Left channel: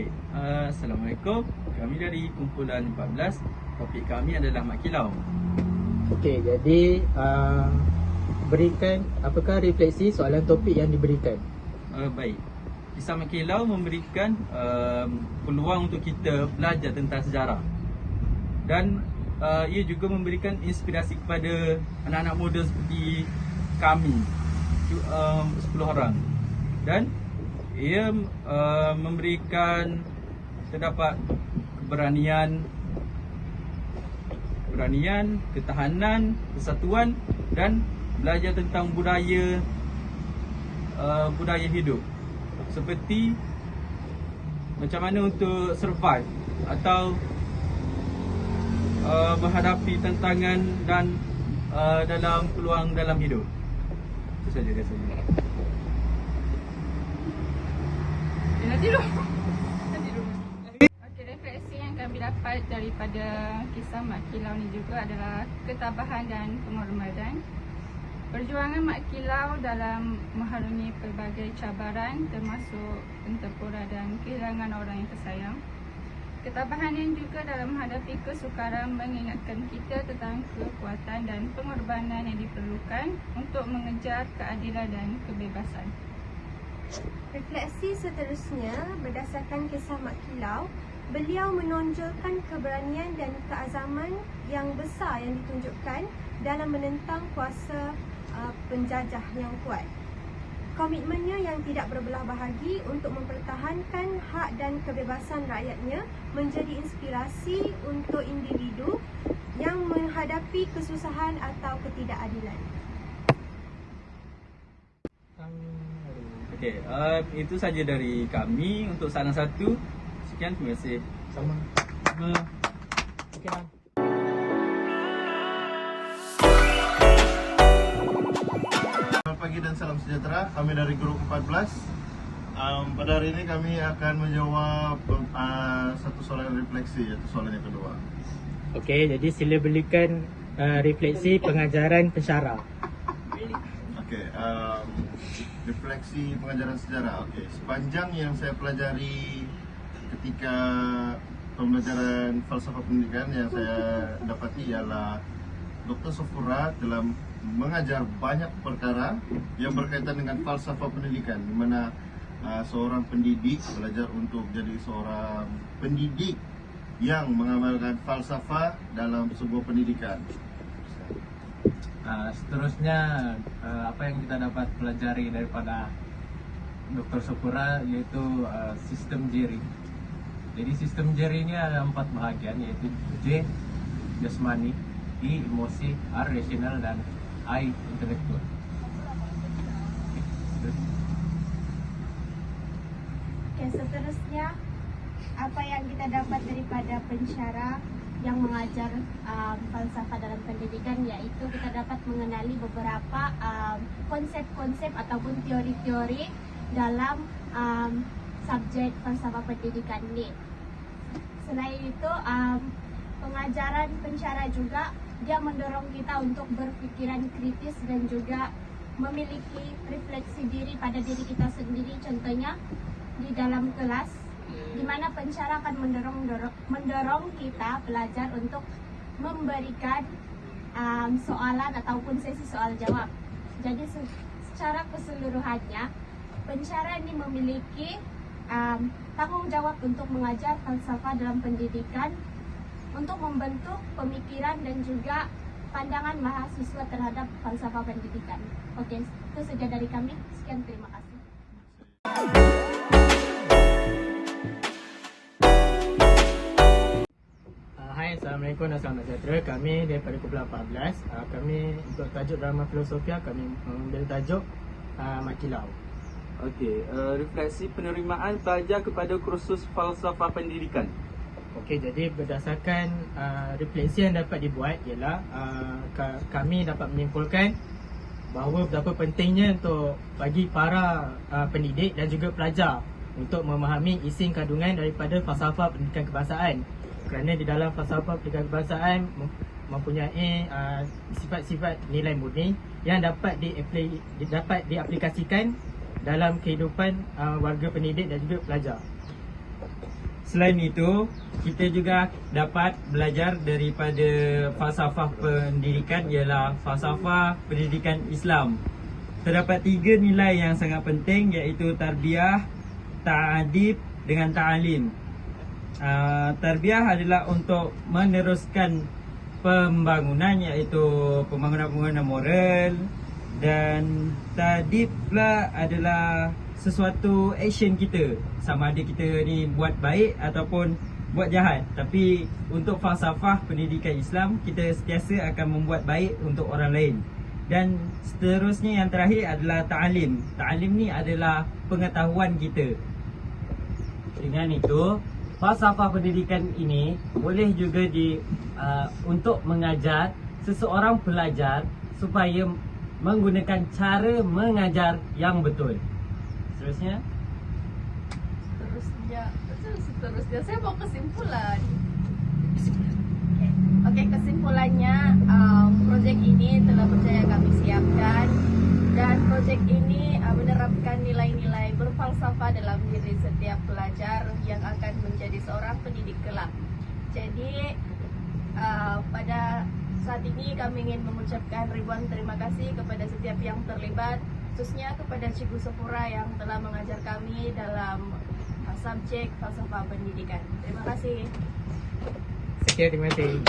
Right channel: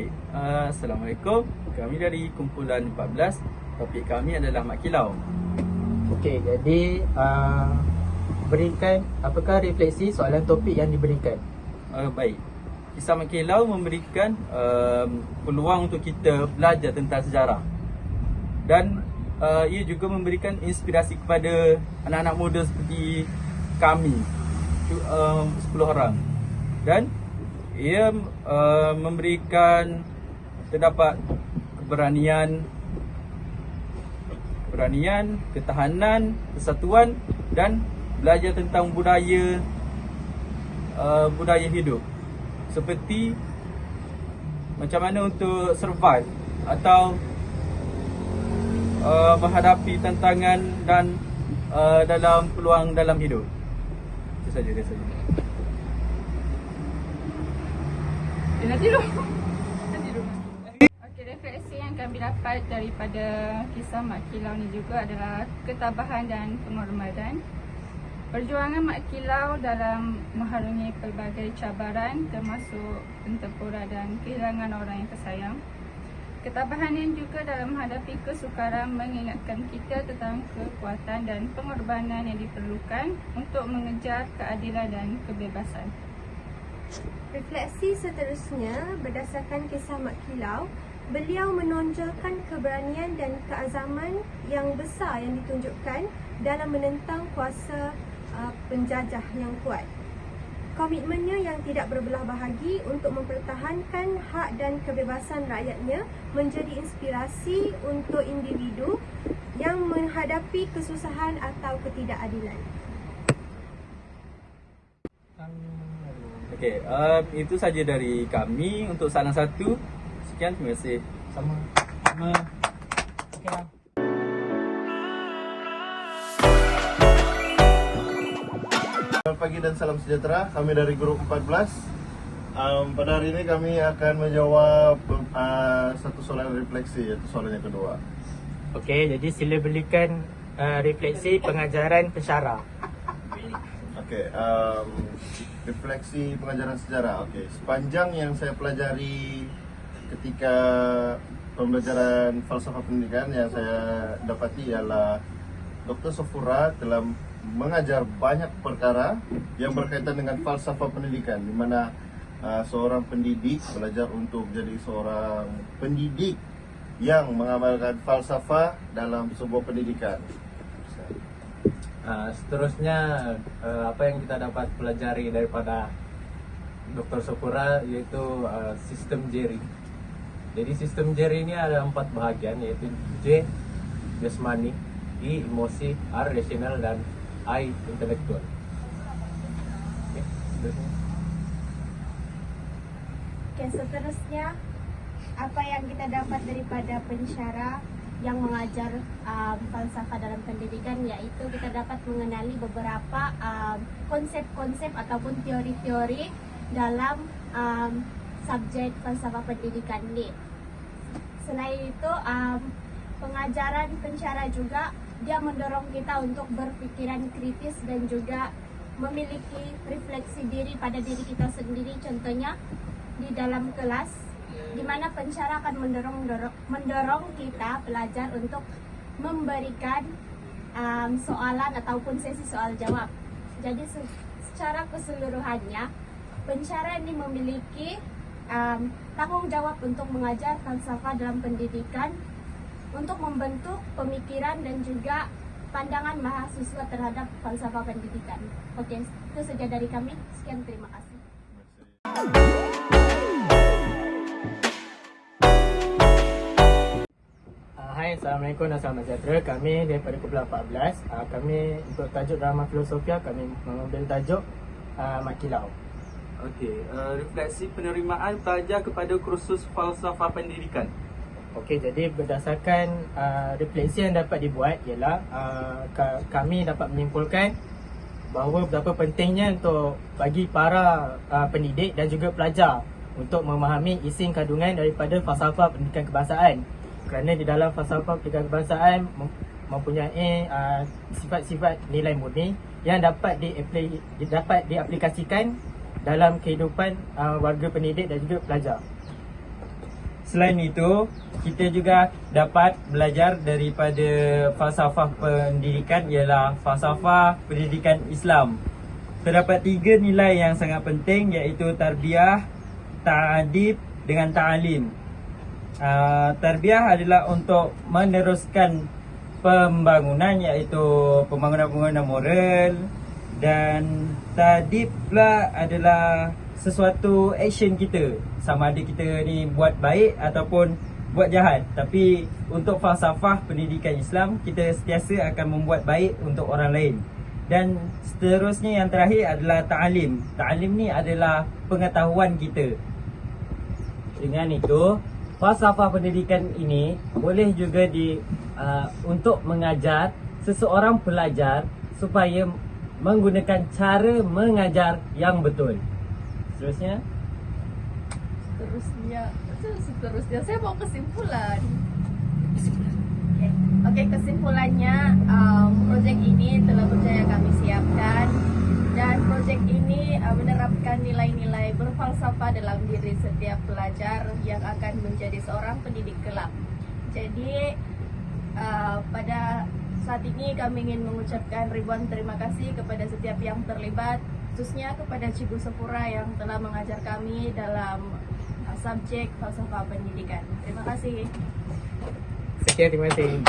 Baik, Assalamualaikum. Kami dari kumpulan 14. Topik kami adalah Mak Kilau. Okey, jadi berikan apakah refleksi soalan topik yang diberikan? Baik, kisah Mak Kilau memberikan peluang untuk kita belajar tentang sejarah. Dan ia juga memberikan inspirasi kepada anak-anak muda seperti kami, 10 orang. Dan ia memberikan terdapat keberanian, ketahanan, kesatuan dan belajar tentang budaya hidup, seperti macam mana untuk survive atau menghadapi tantangan dan dalam peluang dalam hidup. Itu saja rasanya. Nanti dulu. Okey, refleksi yang kami dapat daripada kisah Mak Kilau ni juga adalah ketabahan dan penghormatan. Perjuangan Mak Kilau dalam mengharungi pelbagai cabaran termasuk pentempura dan kehilangan orang yang tersayang. Ketabahan yang juga dalam menghadapi kesukaran mengingatkan kita tentang kekuatan dan pengorbanan yang diperlukan untuk mengejar keadilan dan kebebasan. Refleksi seterusnya berdasarkan kisah Mak Kilau, beliau menonjolkan keberanian dan keazaman yang besar yang ditunjukkan dalam menentang kuasa penjajah yang kuat. Komitmennya yang tidak berbelah bahagi untuk mempertahankan hak dan kebebasan rakyatnya menjadi inspirasi untuk individu yang menghadapi kesusahan atau ketidakadilan. Okey, itu saja dari kami untuk salah satu. Sekian, terima kasih. Selamat pagi dan salam sejahtera. Kami dari grup 14. Pada hari ini kami akan menjawab satu soalan refleksi, yaitu soalan yang kedua. Okey, jadi sila berikan refleksi pengajaran pensyarah. Okey, refleksi pengajaran sejarah. Okey, sepanjang yang saya pelajari ketika pembelajaran falsafah pendidikan yang saya dapati ialah Dr. Sofura telah mengajar banyak perkara yang berkaitan dengan falsafah pendidikan, di mana seorang pendidik belajar untuk jadi seorang pendidik yang mengamalkan falsafah dalam sebuah pendidikan. Seterusnya apa yang kita dapat pelajari daripada Dr. Sofura yaitu sistem Jerry. Jadi sistem Jerry ini ada 4 bahagian, yaitu J jasmani, I emosi, R rasional dan I intelektual. Seterusnya apa yang kita dapat daripada pensyarah yang mengajar falsafah dalam pendidikan, yaitu kita dapat mengenali beberapa konsep-konsep ataupun teori-teori dalam subjek falsafah pendidikan ini. Selain itu, pengajaran pensyarah juga dia mendorong kita untuk berpikiran kritis dan juga memiliki refleksi diri pada diri kita sendiri. Contohnya di dalam kelas, di mana pensyarah akan mendorong kita belajar untuk memberikan soalan ataupun sesi soal jawab. Jadi secara keseluruhannya, pensyarah ini memiliki tanggung jawab untuk mengajar falsafah dalam pendidikan, untuk membentuk pemikiran dan juga pandangan mahasiswa terhadap falsafah pendidikan. Oke, itu saja dari kami. Sekian, terima kasih. Hai, Assalamualaikum dan salam sejahtera. Kami daripada kumpulan 14. Kami untuk tajuk drama filosofia, kami mengambil tajuk Mak Kilau. Okey, refleksi penerimaan pelajar kepada kursus falsafah pendidikan. Okey, jadi berdasarkan refleksi yang dapat dibuat ialah kami dapat menyimpulkan bahawa betapa pentingnya untuk bagi para pendidik dan juga pelajar untuk memahami isi kandungan daripada falsafah pendidikan kebangsaan. Kerana di dalam falsafah pendidikan kebangsaan mempunyai sifat-sifat nilai murni yang dapat diaplikasikan dalam kehidupan warga pendidik dan juga pelajar. selain itu, kita juga dapat belajar daripada falsafah pendidikan, ialah falsafah pendidikan Islam. Terdapat 3 nilai yang sangat penting, iaitu tarbiyah, ta'adib dengan ta'alim. Tarbiyah adalah untuk meneruskan pembangunan, iaitu pembangunan moral, dan ta'adib pula adalah sesuatu action kita, sama ada kita ni buat baik ataupun buat jahat. Tapi untuk falsafah pendidikan Islam, kita sentiasa akan membuat baik untuk orang lain. Dan seterusnya yang terakhir adalah ta'alim. Ta'alim ni adalah pengetahuan kita. Dengan itu, falsafah pendidikan ini boleh juga untuk mengajar seseorang pelajar supaya menggunakan cara mengajar yang betul. Seterusnya saya mau kesimpulan. Oke, kesimpulannya projek ini telah berjaya kami siapkan, dan projek ini menerapkan nilai-nilai berfalsafah dalam diri setiap pelajar yang akan menjadi seorang pendidik kelak. Jadi pada saat ini kami ingin mengucapkan ribuan terima kasih kepada setiap yang terlibat, khususnya kepada Cikgu Sepura yang telah mengajar kami dalam subjek falsafah pendidikan. Terima kasih. Sekian, terima kasih.